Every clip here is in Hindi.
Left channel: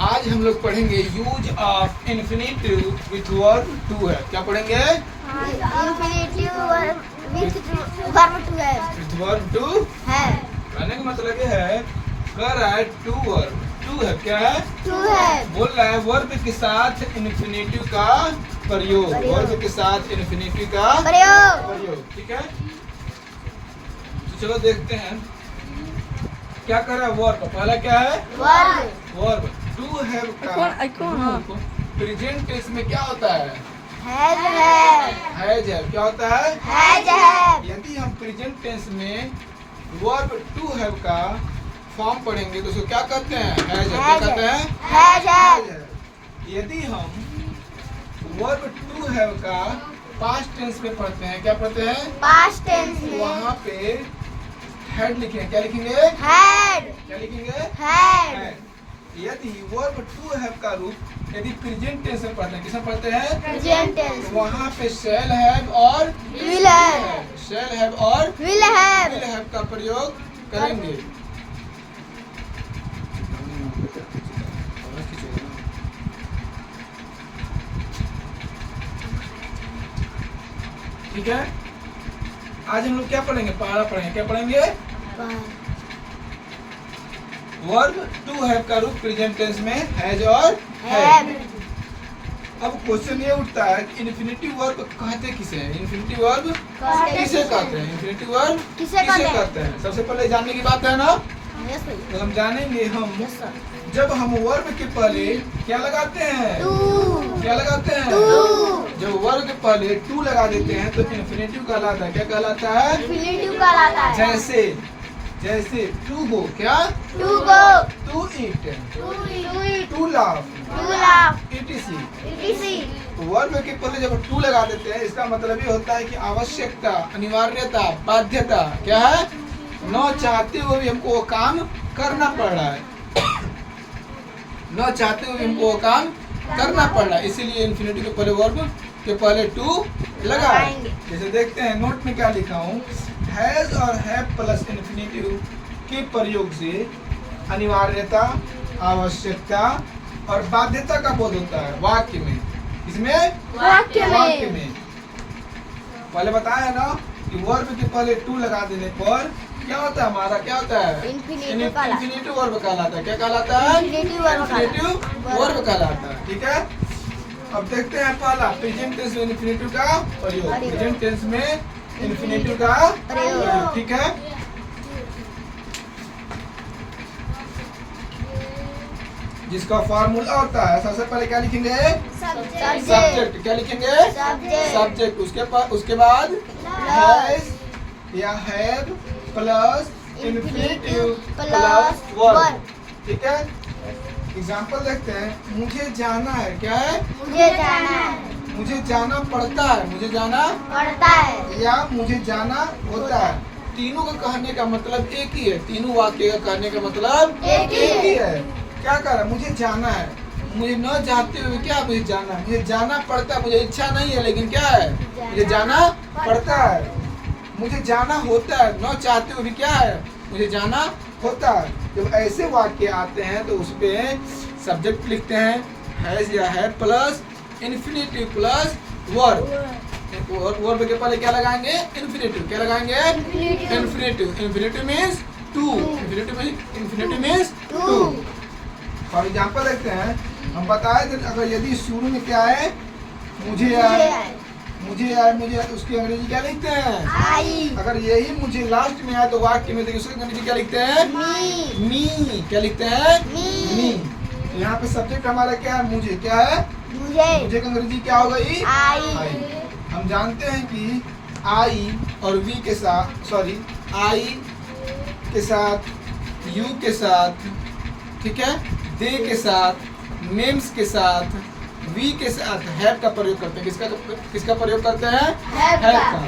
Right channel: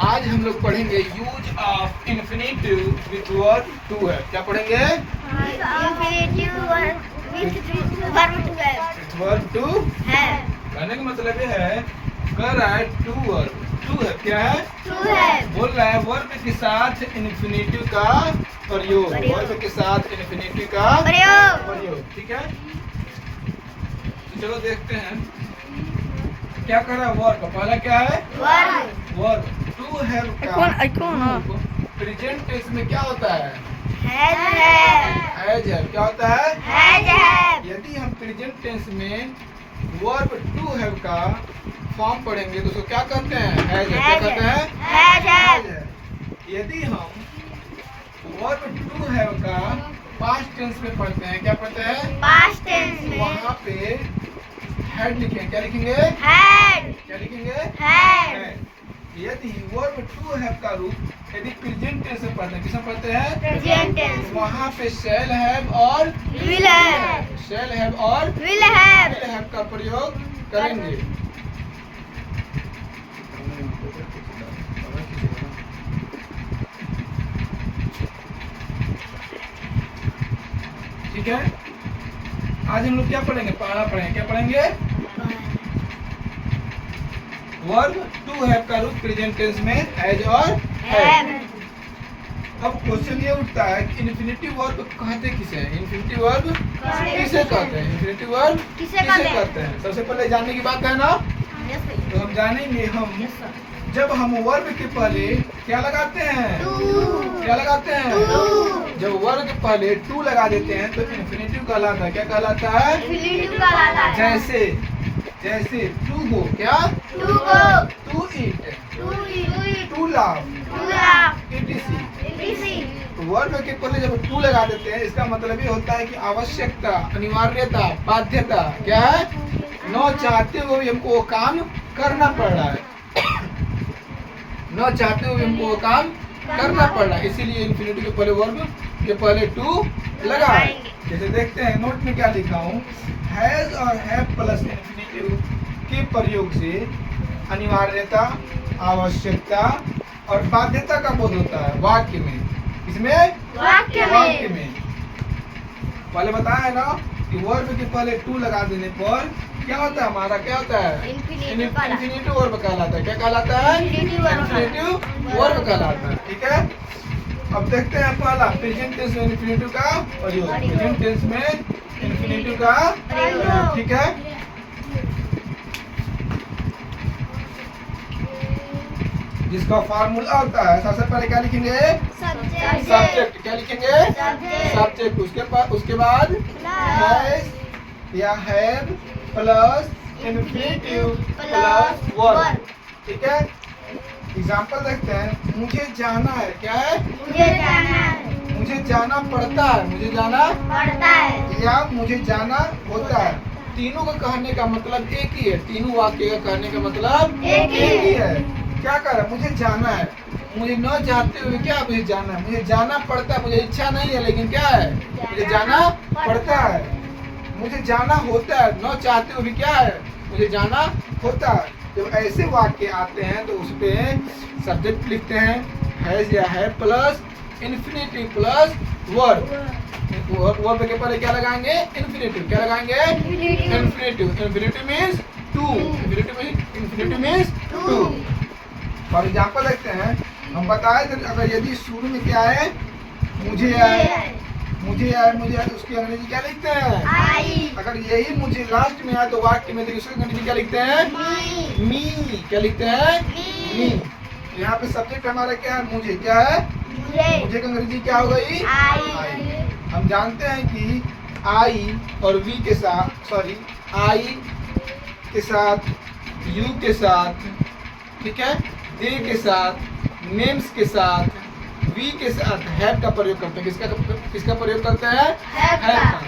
आज हम लोग पढ़ेंगे use of infinitive with verb to है। क्या पढ़ेंगे? इन्फिनिटिव विथ वर्ब टू है। कहने का मतलब ये है कर रहा है टू वर्ब। टू है, क्या है? टू है। बोल रहा है वर्ब के साथ इन्फिनिटिव का प्रयोग। वर्ब के साथ इन्फिनिटिव का प्रयोग। ठीक है, तो चलो देखते हैं क्या कर रहा है वर्ब। पहला क्या है? वर्ब। टू हैव का प्रेजेंट टेंस में क्या होता है? हैज है। क्या होता है? यदि हम प्रेजेंट टेंस में वर्ब टू हैव का फॉर्म पढ़ेंगे तो उसको क्या कहते हैं? हैज है। क्या कहते हैं? हैज है। यदि हम वर्ब टू हैव का पास्ट टेंस में पढ़ते हैं, क्या पढ़ते हैं? पास्ट टेंस में वहाँ पे हैड लिखेंगे। क्या लिखेंगे? हैड। क्या लिखेंगे? हैड। यदि वर्ब टू हैव का रूप यदि प्रेजेंट टेंस में पढ़ते हैं, किसमें पढ़ते हैं? Present tense. वहाँ पे शैल हैव और विल हैव। शैल हैव और विल हैव। विल हैव का प्रयोग करेंगे। ठीक है, आज हम लोग क्या पढ़ेंगे? पहला पढ़ेंगे, क्या पढ़ेंगे? वर्ब टू हैव का रूप प्रेजेंट टेंस में हैज और हैव। अब क्वेश्चन ये उठता है कि इन्फिनिटिव वर्ब कहते किसे हैं? इन्फिनिटिव वर्ब किसे कहते हैं? इन्फिनिटिव वर्ब किसे कहते हैं? सबसे पहले जानने की बात है ना, तो हम जानेंगे हम जब हम वर्ब के पहले क्या लगाते हैं? क्या लगाते हैं? जब वर्ब के पहले टू लगा देते हैं तो इन्फिनिटिव कहलाता है। क्या कहलाता है? इन्फिनिटिव कहलाता है। जैसे टू गो, क्या? To go, to eat, to eat, to laugh, to laugh, etc। etc। तो वर्ब के पहले जब टू लगा देते हैं इसका मतलब ये होता है कि आवश्यकता, अनिवार्यता, बाध्यता क्या है? न चाहते हुए भी हमको वो काम करना पड़ रहा है। न चाहते हुए हमको वो काम करना पड़ रहा है, इसीलिए इन्फिनिटिव के पहले वर्ब के पहले टू लगा। जैसे देखते हैं नोट में क्या लिखा हूँ, हैज और हैव प्लस इन्फिनिटिव के प्रयोग से अनिवार्यता, आवश्यकता और बाध्यता का बोध होता है वाक्य में। इसमें वाक्य में पहले बताया है ना कि वर्ब के पहले टू लगा देने पर क्या होता है? हमारा क्या होता है? इन्फिनिटिव वर्ब कहलाता है। क्या कहलाता है? इन्फिनिटिव वर्ब कहलाता है। ठीक है, अब देखते हैं पहला प्रेजेंट टेंस में इन्फिनिटिव का प्रयोग। प्रेजेंट टेंस में इन्फिनिटिव का प्रयोग। ठीक है, जिसका फार्मूला होता है सबसे पहले क्या लिखेंगे? सब्जेक्ट। क्या लिखेंगे? सब्जेक्ट। उसके बाद हैज या have plus infinitive plus verb. ठीक है, एग्जांपल देखते हैं। मुझे जाना है। क्या है? मुझे जाना पड़ता है। मुझे जाना पड़ता है या मुझे जाना होता है। तीनों का कहने का मतलब एक ही है। तीनों वाक्य का कहने का मतलब एक ही है। क्या कर रहा है? मुझे जाना है। मुझे न चाहते हुए क्या मुझे जाना है? मुझे जाना पड़ता है। मुझे इच्छा नहीं है लेकिन क्या है? मुझे जाना पड़ता है। मुझे जाना होता है, न चाहते हुए भी क्या है? मुझे जाना होता है। जब ऐसे वाक्य आते हैं तो उस पे सब्जेक्ट लिखते हैं हैज या है plus infinitive plus verb. Verb के पहले क्या लगाएंगे? इन्फिनिटिव। क्या लगाएंगे? Infinitive. Infinitive means to. Infinitive means to. For example देखते हैं, हम बताए थे अगर यदि शुरू में क्या है? मुझे उसकी अंग्रेजी क्या लिखते हैं? अगर यही मुझे लास्ट में आए तो वाक्य में उसकी अंग्रेजी क्या लिखते हैं? मी। क्या लिखते हैं? मी। यहाँ पे सब्जेक्ट हमारा क्या है? मुझे। क्या है? मुझे का अंग्रेजी क्या हो गई? आई। हम जानते हैं कि आई और वी के साथ, आई के साथ, यू के साथ, ठीक है, दे के साथ, नेम्स के साथ, वी के साथ हैव का प्रयोग करते हैं। किसका प्रयोग करते हैं? हैव का।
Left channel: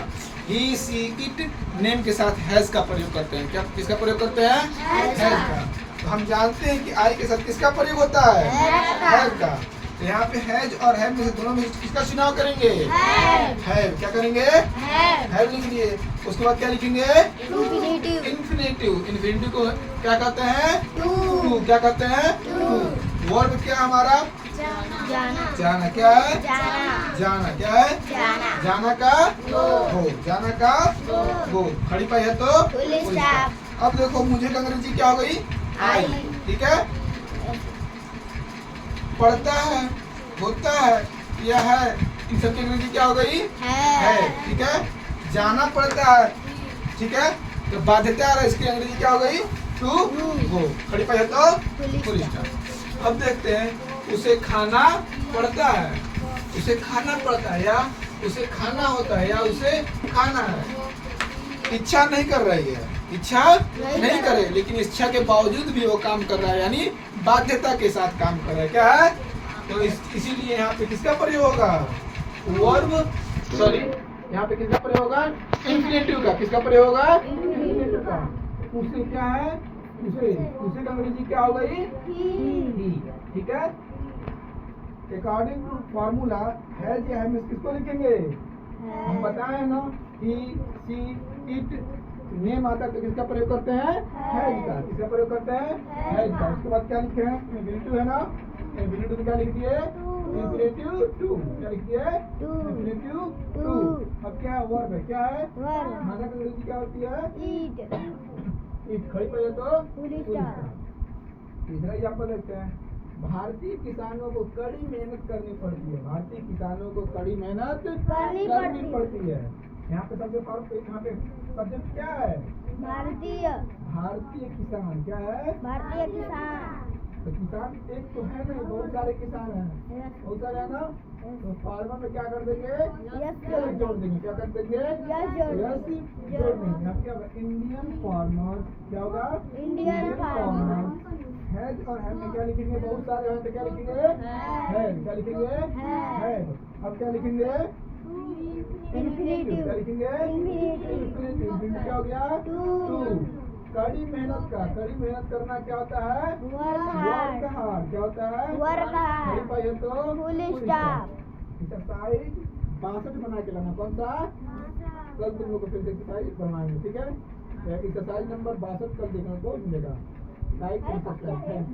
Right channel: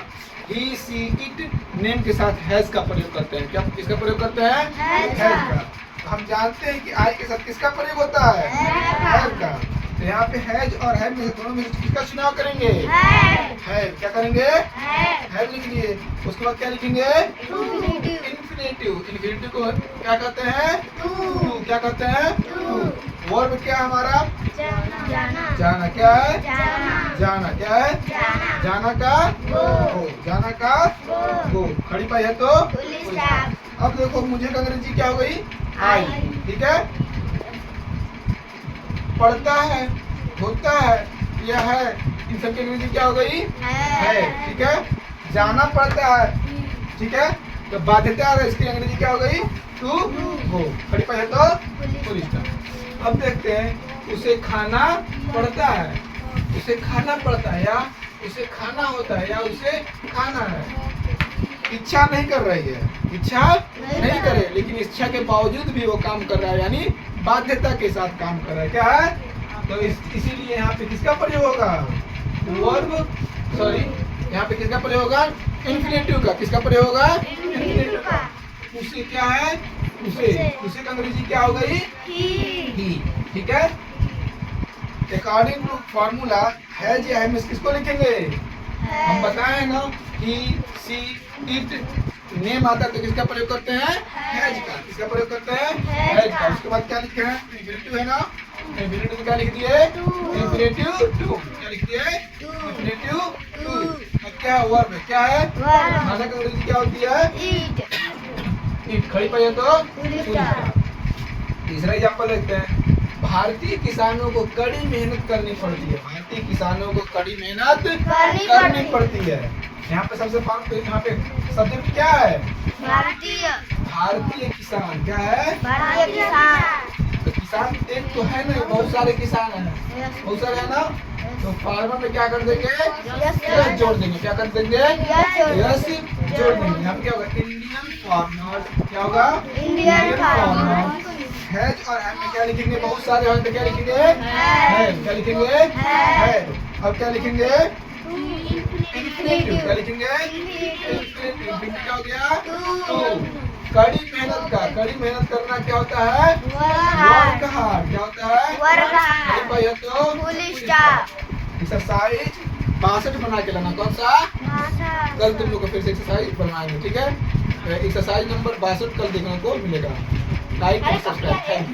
ही, सी, इट नेम के साथ हैज का प्रयोग करते हैं। क्या किसका प्रयोग करते हैं? हैज का। तो हम जानते हैं कि आई के साथ किसका प्रयोग होता है? हैव का। तो यहाँ पे हैज और हैव में से दोनों में किसका चुनाव करेंगे? हैव। क्या करेंगे? हैव लिख दिए। उसके बाद क्या लिखेंगे? इन्फिनिटिव। इन्फिनिटिव को क्या कहते हैं? टू। क्या कहते हैं? टू। वर्ब क्या है हमारा? जाना जाना क्या है? जाना जाना क्या है? जाना जाना का गो जाना का गो। खड़ी पाई है तो फुल स्टॉप अब देखो मुझे का अंग्रेजी क्या हो गई? आई। ठीक है, पढ़ता है, होता है, यह है, इन सब की अंग्रेजी क्या हो गई? है। ठीक है, जाना पड़ता है। ठीक है, तो बाध्यता है, इसकी अंग्रेजी क्या हो गई? To go. खड़ी पाई है तो फुल स्टॉप। अब देखते हैं, उसे खाना पड़ता है, उसे खाना पड़ता है, या उसे खाना होता है, या उसे खाना है। इच्छा नहीं कर रही है, इच्छा नहीं करे, लेकिन इच्छा के बावजूद भी वो काम कर रहा है, यानी बाध्यता के साथ काम कर रहा है। क्या है? तो इसीलिए यहाँ पे किसका प्रयोग होगा? वर्ब, सॉरी, यहाँ पे किसका प्रयोग होगा? इंफिनिटिव का। किसका प्रयोग होगा? इंफिनिटिव का। उसे क्या है? उसे का अंग्रेजी क्या हो गई? ही। ठीक है, अकॉर्डिंग टू फॉर्मूला हैज या हैव में किसको लिखेंगे? हम बताएं ना, ही, सी, इट, नेम आता है तो किसका प्रयोग करते हैं? हैज का। किसका प्रयोग करते हैं? हैज का। उसके बाद क्या लिखे हैं? इंफिनिटिव है ना, इंफिनिटिव क्या लिख दिए? Infinitive to. क्या लिख दिए? Infinitive to. अब क्या है? वर्ब है। क्या है? खाना का अंग्रेजी क्या होती है? ईट। खड़ी पाई है तो फुल स्टॉप तीसरा एग्जाम्पल देखते हैं। भारतीय किसानों को कड़ी मेहनत करनी पड़ती है। भारतीय किसानों को कड़ी मेहनत करनी पड़ती है। यहाँ पे सबसे यहाँ पे सब्जेक्ट क्या है? भारतीय भारतीय किसान। क्या है? भारतीय किसान तो किसान एक तो है नहीं, बहुत सारे किसान हैं, बहुत सारे है ना। तो फार्मर में क्या कर देंगे? यस जोड़ देंगे। क्या कर देंगे? यस जोड़ देंगे। यहाँ पे क्या होगा? Indian farmer. क्या होगा? इंडियन फार्मर हैज और हैव में क्या लिखेंगे? बहुत सारे हैं तो क्या लिखेंगे? हैव। क्या लिखेंगे? हैव। अब क्या लिखेंगे? इंफिनिटिव। क्या लिखेंगे? इंफिनिटिव। इंफिनिटिव क्या हो गया? टू। कड़ी मेहनत का, कड़ी मेहनत करना क्या होता है? Work hard. क्या होता है? Work hard. खड़ी पाई है तो फुल स्टॉप एक्सरसाइज 62 बना के लाना। कौन सा? कल तुम लोग को फिर से एक्सरसाइज बनवाएंगे। ठीक है, एक्सरसाइज नंबर 62 कल देखने को मिलेगा। लाइक और सब्सक्राइब। Thank you.